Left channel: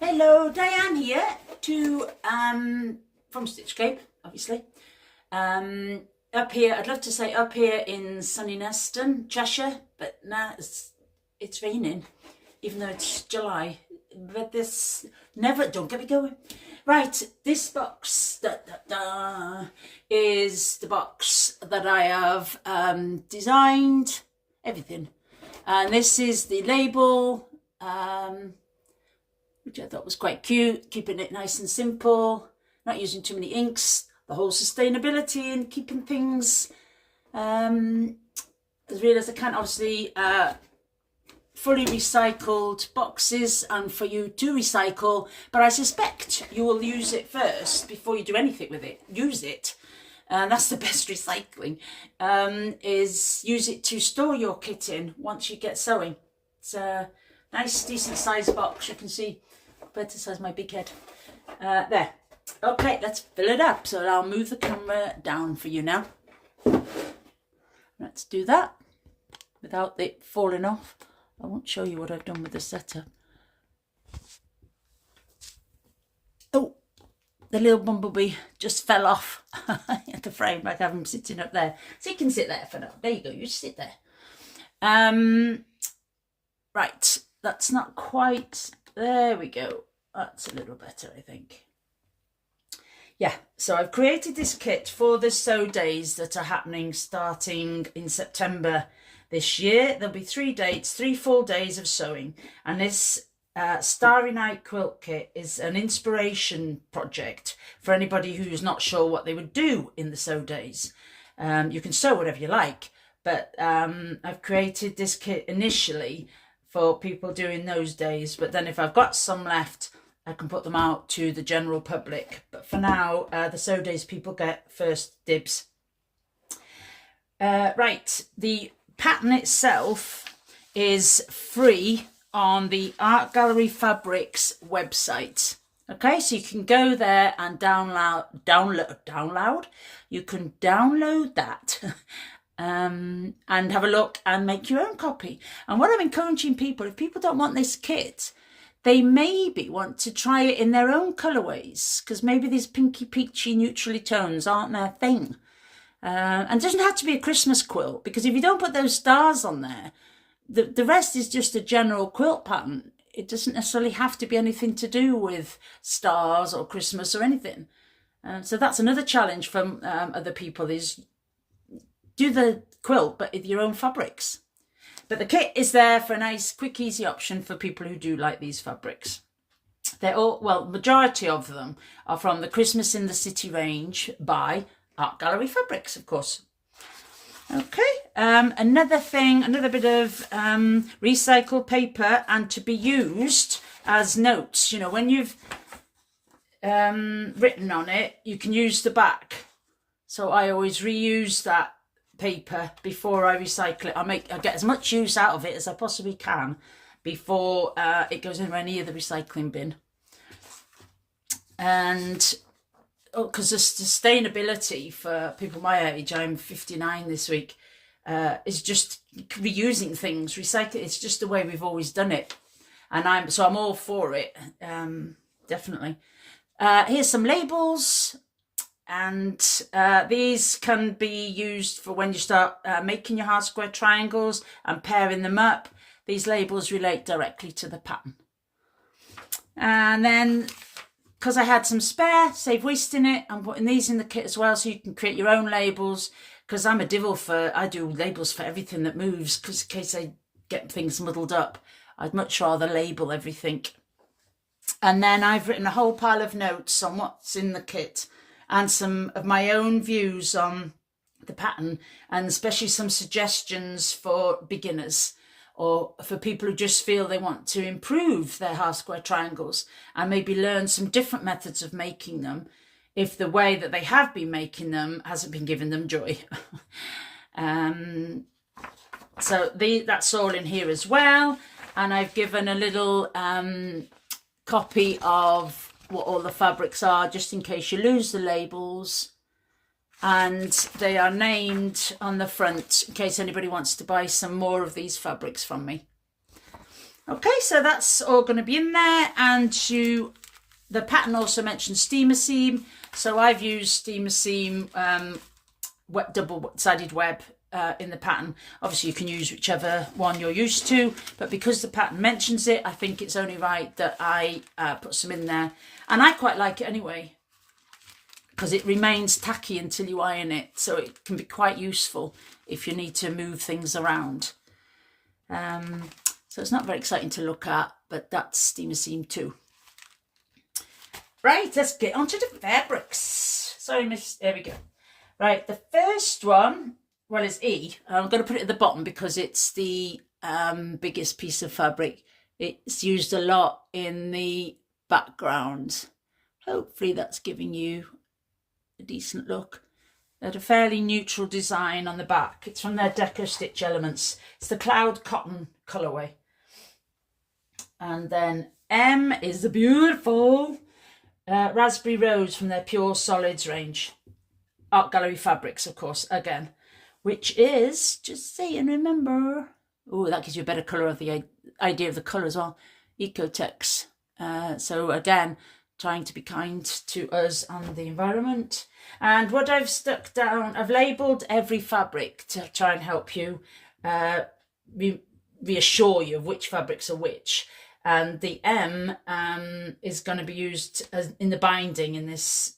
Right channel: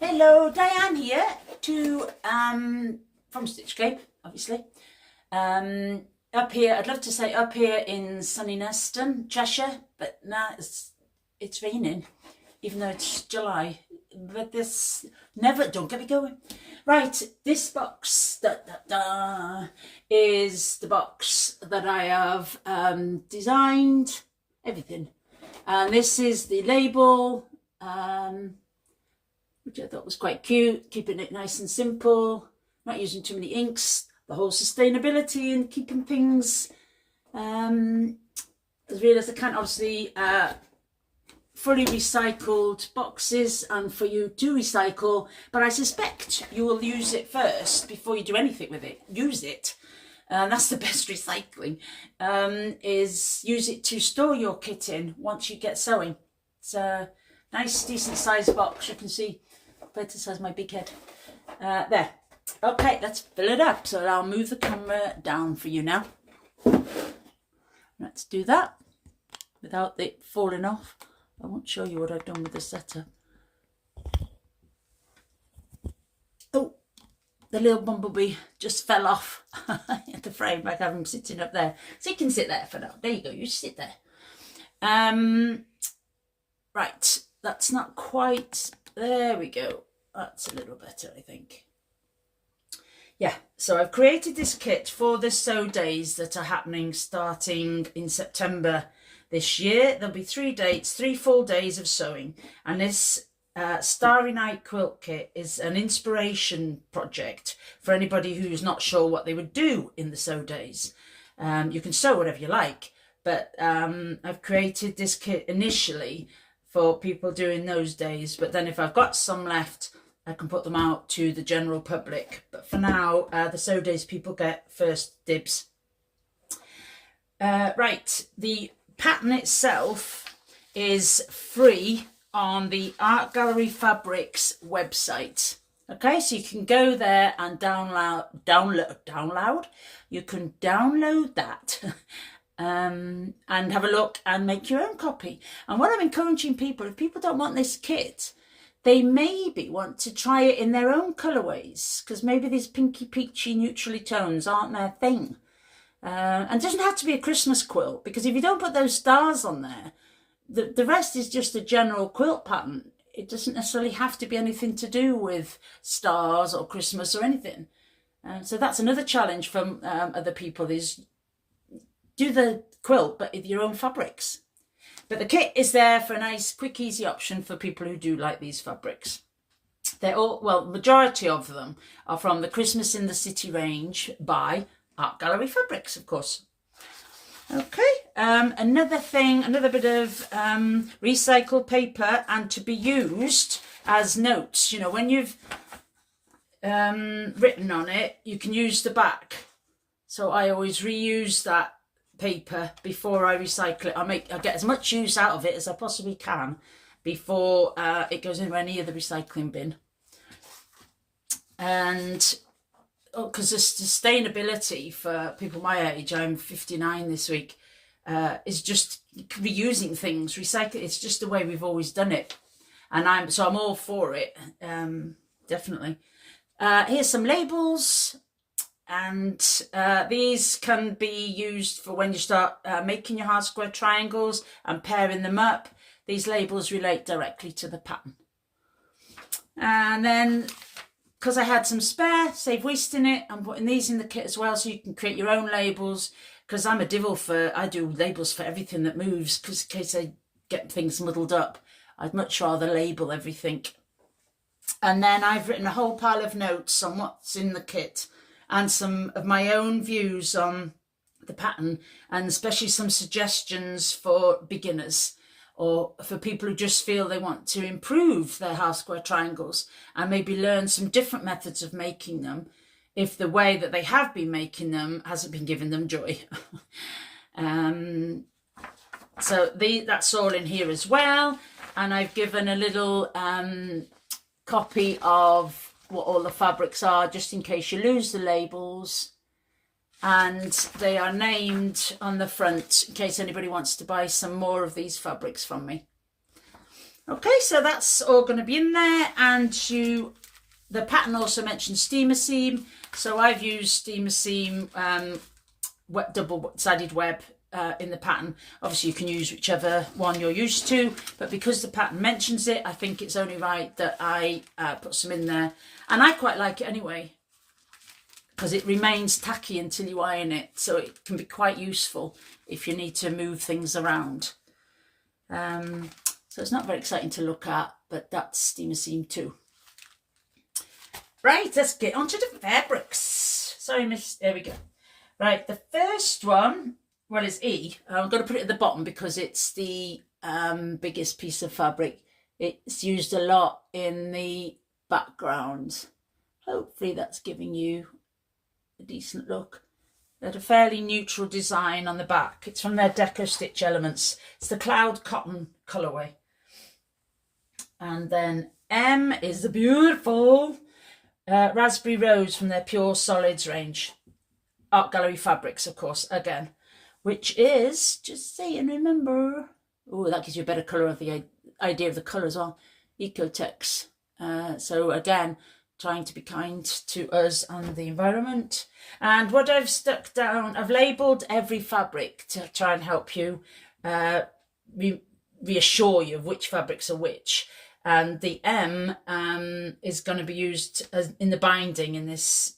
Hello, Diane here from Stitchcape, obviously. Up here, I'd love to say up here in sunny Neston, Cheshire, but now it's raining, even though it's July. But this never, don't get me going. Right, this box is the box that I have designed, everything. And this is the label. Which I thought was quite cute, keeping it nice and simple, not using too many inks, the whole sustainability and keeping things as real as I can. Obviously, fully recycled boxes and for you to recycle, but I suspect you will use it first before you do anything with it. Use it. That's the best recycling, is use it to store your kit in once you get sewing. It's a nice, decent sized box, you can see. Better size my big head. There. Okay, let's fill it up. So I'll move the camera down for you now. Let's do that without it falling off. I won't show you what I've done with the setup. Oh, the little bumblebee just fell off the frame. I have him sitting up there. So you can sit there for now. There you go, you sit there. Right, that's not quite, there we go. That's a little better, I think. Yeah, so I've created this kit for the sew days that are happening starting in September this year. There'll be 3 dates, 3 full days of sewing. And this Starry Night quilt kit is an inspiration project for anybody who's not sure what they would do in the sew days. You can sew whatever you like, but I've created this kit initially for people doing those days, but then if I've got some left, I can put them out to the general public. But for now, the sew days people get first dibs. Right, the pattern itself is free on the Art Gallery Fabrics website. Okay, so you can go there and download. You can download that. And have a look and make your own copy. And what I'm encouraging people, if people don't want this kit, they maybe want to try it in their own colourways, because maybe these pinky peachy neutrally tones aren't their thing. And it doesn't have to be a Christmas quilt, because if you don't put those stars on there, the rest is just a general quilt pattern. It doesn't necessarily have to be anything to do with stars or Christmas or anything. So that's another challenge from other people, is do the quilt, but with your own fabrics. But the kit is there for a nice, quick, easy option for people who do like these fabrics. They're all, well, majority of them are from the Christmas in the City range by Art Gallery Fabrics, of course. Okay, another thing, another bit of recycled paper, and to be used as notes. You know, when you've written on it, you can use the back. So I always reuse that paper before I recycle it. I get as much use out of it as I possibly can before it goes in any of the recycling bin. And because the sustainability for people my age, I'm 59 this week, is just reusing things, recycling. It's just the way we've always done it, and I'm all for it. Definitely. Here's some labels. And these can be used for when you start making your half square triangles and pairing them up. These labels relate directly to the pattern. And then, because I had some spare, save wasting it, I'm putting these in the kit as well, so you can create your own labels. Because I'm a divil I do labels for everything that moves, because in case I get things muddled up, I'd much rather label everything. And then I've written a whole pile of notes on what's in the kit, and some of my own views on the pattern, and especially some suggestions for beginners or for people who just feel they want to improve their half square triangles and maybe learn some different methods of making them if the way that they have been making them hasn't been giving them joy. So that's all in here as well. And I've given a little copy of what all the fabrics are, just in case you lose the labels. And they are named on the front in case anybody wants to buy some more of these fabrics from me. Okay, so that's all going to be in there, and the pattern also mentions steamer seam, so I've used steamer seam double-sided web in the pattern. Obviously you can use whichever one you're used to, but because the pattern mentions it, I think it's only right that I put some in there, and I quite like it anyway because it remains tacky until you iron it, so it can be quite useful if you need to move things around. So it's not very exciting to look at, but that's steamer seam too. Right, let's get onto the fabrics. Sorry, miss. There we go. Right, the first one, well, is E. I'm going to put it at the bottom because it's the biggest piece of fabric. It's used a lot in the background. Hopefully that's giving you a decent look. They had a fairly neutral design on the back. It's from their Deco Stitch Elements. It's the Cloud Cotton colourway. And then M is the beautiful Raspberry Rose from their Pure Solids range. Art Gallery Fabrics, of course, again. Which is, just say and remember. Oh, that gives you a better colour of the idea of the colour as well. Ecotex. So again, trying to be kind to us and the environment. And what I've stuck down, I've labelled every fabric to try and help you reassure you of which fabrics are which. And the M is going to be used in the binding in this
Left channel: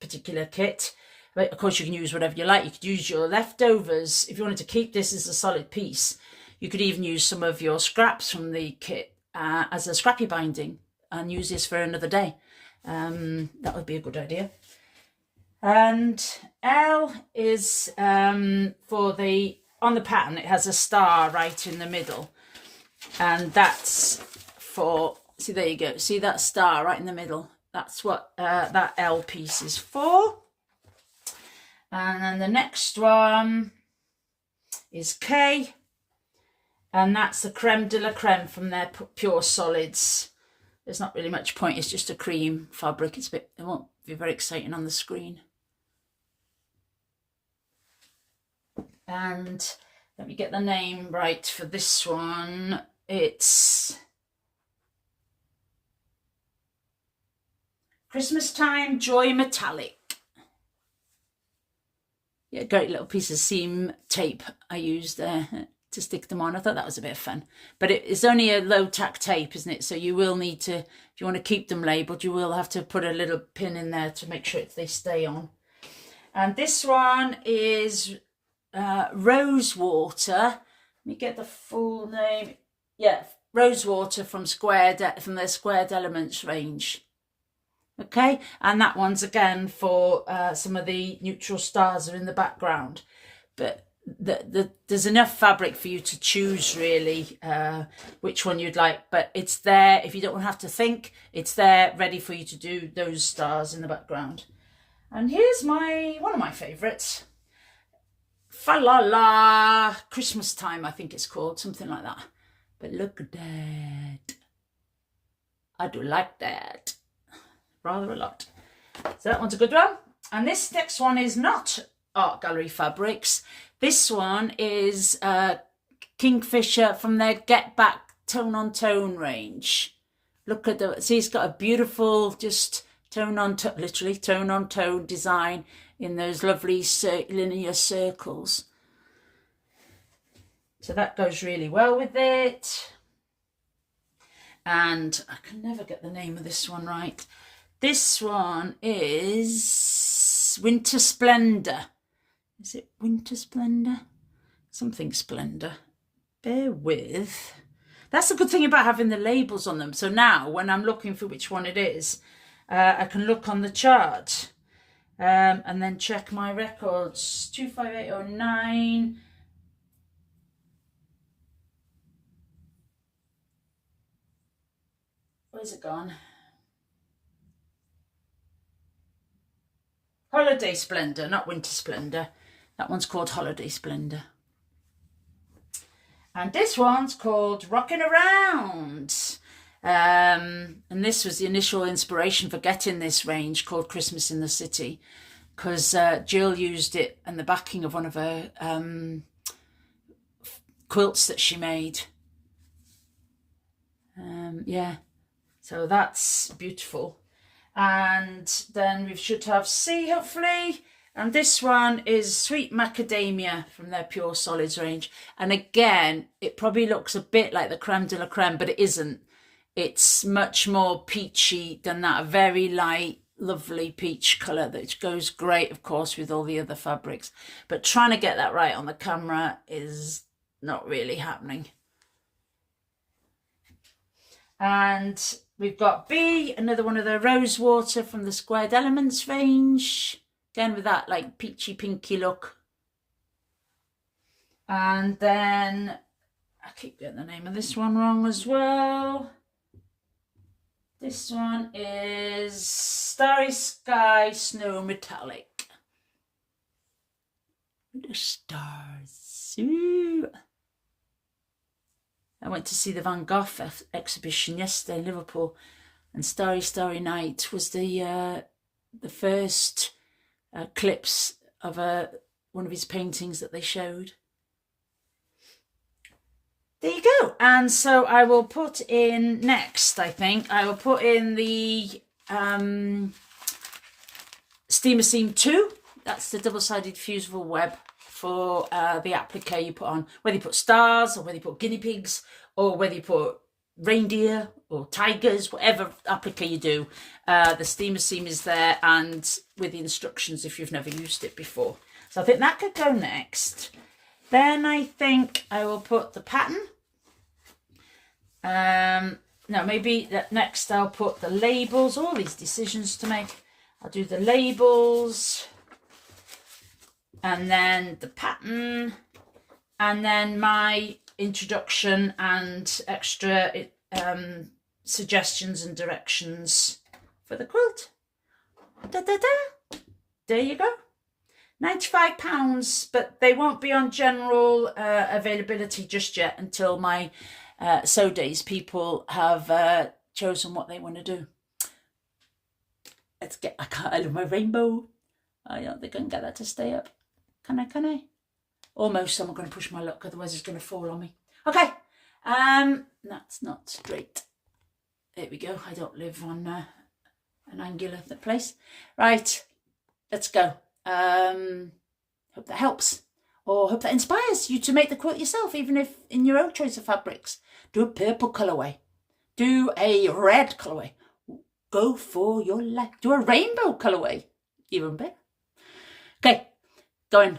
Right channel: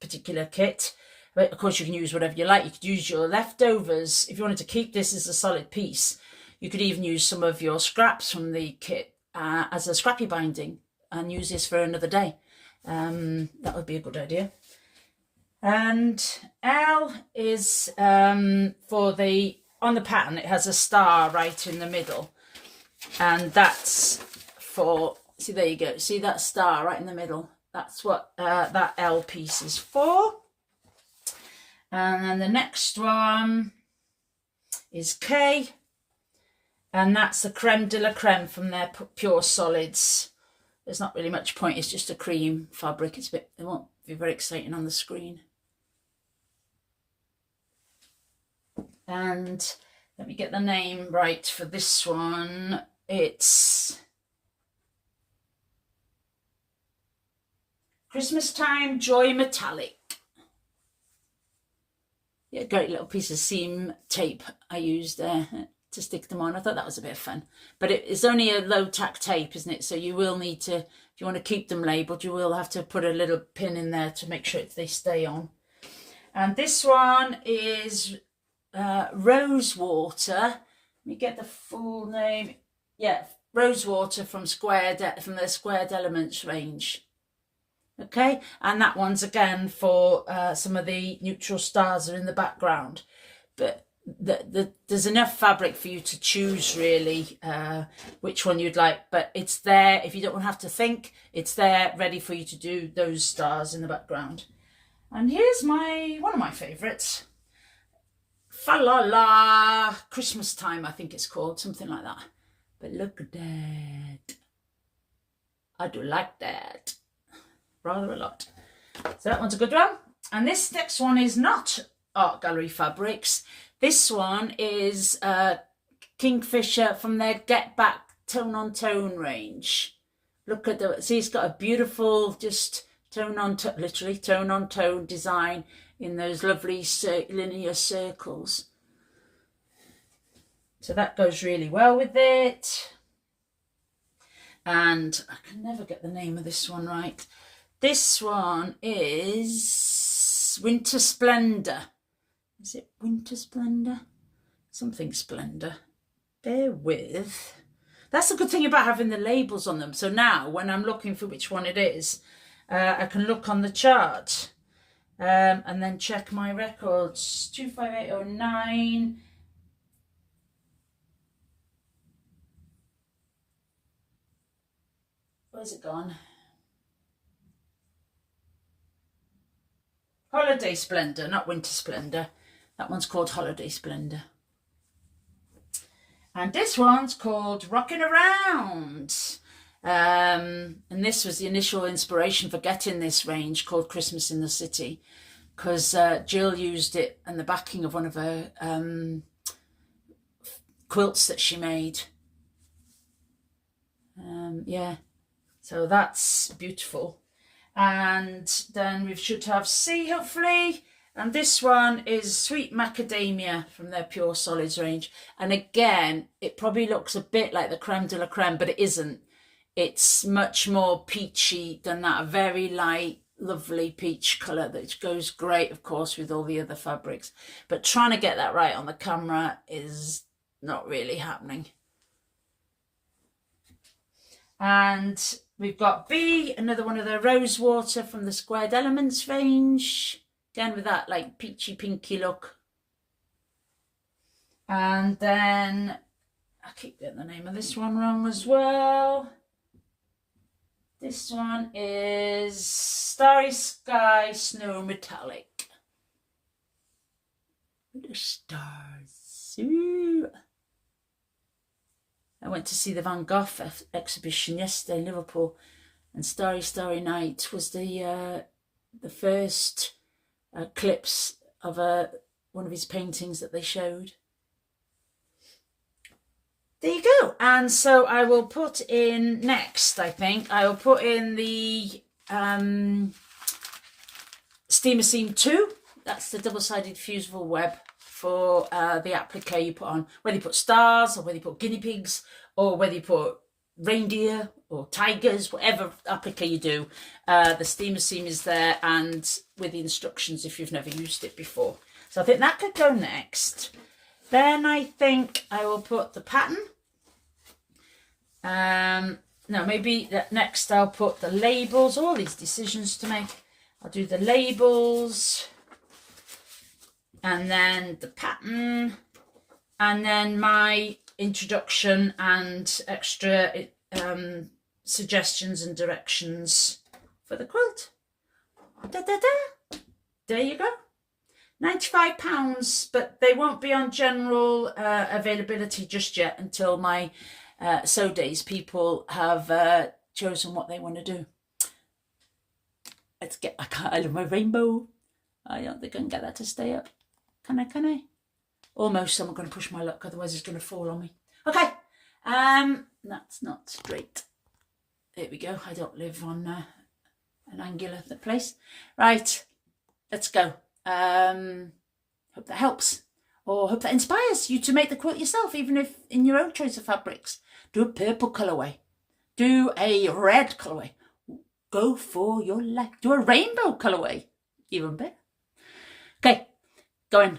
particular kit. But of course you can use whatever you like. You could use your leftovers. If you wanted to keep this as a solid piece, you could even use some of your scraps from the kit as a scrappy binding and use this for another day. That would be a good idea. And L is for the, on the pattern it has a star right in the middle, and that's for, see, there you go, see that star right in the middle, that's what that L piece is for. And then the next one is K, and that's the creme de la creme from their Pure Solids. There's not really much point, it's just a cream fabric. It's a bit, it won't be very exciting on the screen. And let me get the name right for this one. It's Christmas Time Joy Metallic. Yeah, great little piece of seam tape I used there to stick them on. I thought that was a bit of fun. But it's only a low tack tape, isn't it? So you will need to, if you want to keep them labelled, you will have to put a little pin in there to make sure they stay on. And this one is Rosewater. Let me get the full name. Yeah, Rosewater from their Squared Elements range. Okay, and that one's again for some of the neutral stars are in the background. But there's enough fabric for you to choose really which one you'd like, but it's there if you don't have to think. It's there ready for you to do those stars in the background. And here's one of my favourites, Fa La La Christmas Time, I think it's called, something like that. But look at that, I do like that rather a lot. So that one's a good one. And this next one is not Art Gallery Fabrics. This one is Kingfisher from their Get Back Tone on Tone range. Look at the, see, it's got a beautiful just tone on tone, literally tone on tone design in those lovely linear circles. So that goes really well with it. And I can never get the name of this one right. This one is Winter Splendor. Is it Winter Splendor? Something Splendor. Bear with. That's the good thing about having the labels on them. So now when I'm looking for which one it is, I can look on the chart and then check my records. 25809. Where's it gone? Holiday Splendor, not Winter Splendor. That one's called Holiday Splendor. And this one's called Rockin' Around. And this was the initial inspiration for getting this range called Christmas in the City, because Jill used it in the backing of one of her quilts that she made. Yeah, so that's beautiful. And then we should have C, hopefully. And this one is Sweet Macadamia from their Pure Solids range. And again, it probably looks a bit like the Creme de la Creme, but it isn't. It's much more peachy than that. A very light, lovely peach colour that goes great, of course, with all the other fabrics. But trying to get that right on the camera is not really happening. And we've got B, another one of the Rosewater from the Squared Elements range. Again, with that like peachy pinky look. And then, I keep getting the name of this one wrong as well. This one is Starry Sky Snow Metallic. The stars. Ooh. I went to see the Van Gogh exhibition yesterday in Liverpool, and Starry Starry Night was the first clips of one of his paintings that they showed. There you go. And so I will put in next, I think, I will put in the Steamer Seam 2. That's the double-sided fusible web for the applique you put on. Whether you put stars or whether you put guinea pigs or whether you put reindeer or tigers, whatever applique you do, the Steamer Seam is there, and with the instructions if you've never used it before. So I think that could go next. Then I think I will put the pattern. No, maybe next I'll put the labels. All these decisions to make. I'll do the labels, and then the pattern, and then my introduction and extra suggestions and directions for the quilt. There you go. £95, but they won't be on general availability just yet until my sew days people have chosen what they want to do. I love my rainbow. I don't think I can get that to stay up. Can I? Almost. I'm going to push my luck, otherwise it's going to fall on me. Okay. That's not straight. There we go. I don't live on an angular place. Right. Let's go. Hope that helps, or hope that inspires you to make the quilt yourself, even if in your own choice of fabrics. Do a purple colourway. Do a red colourway. Go for your life. Do a rainbow colourway. Even better. Okay, going.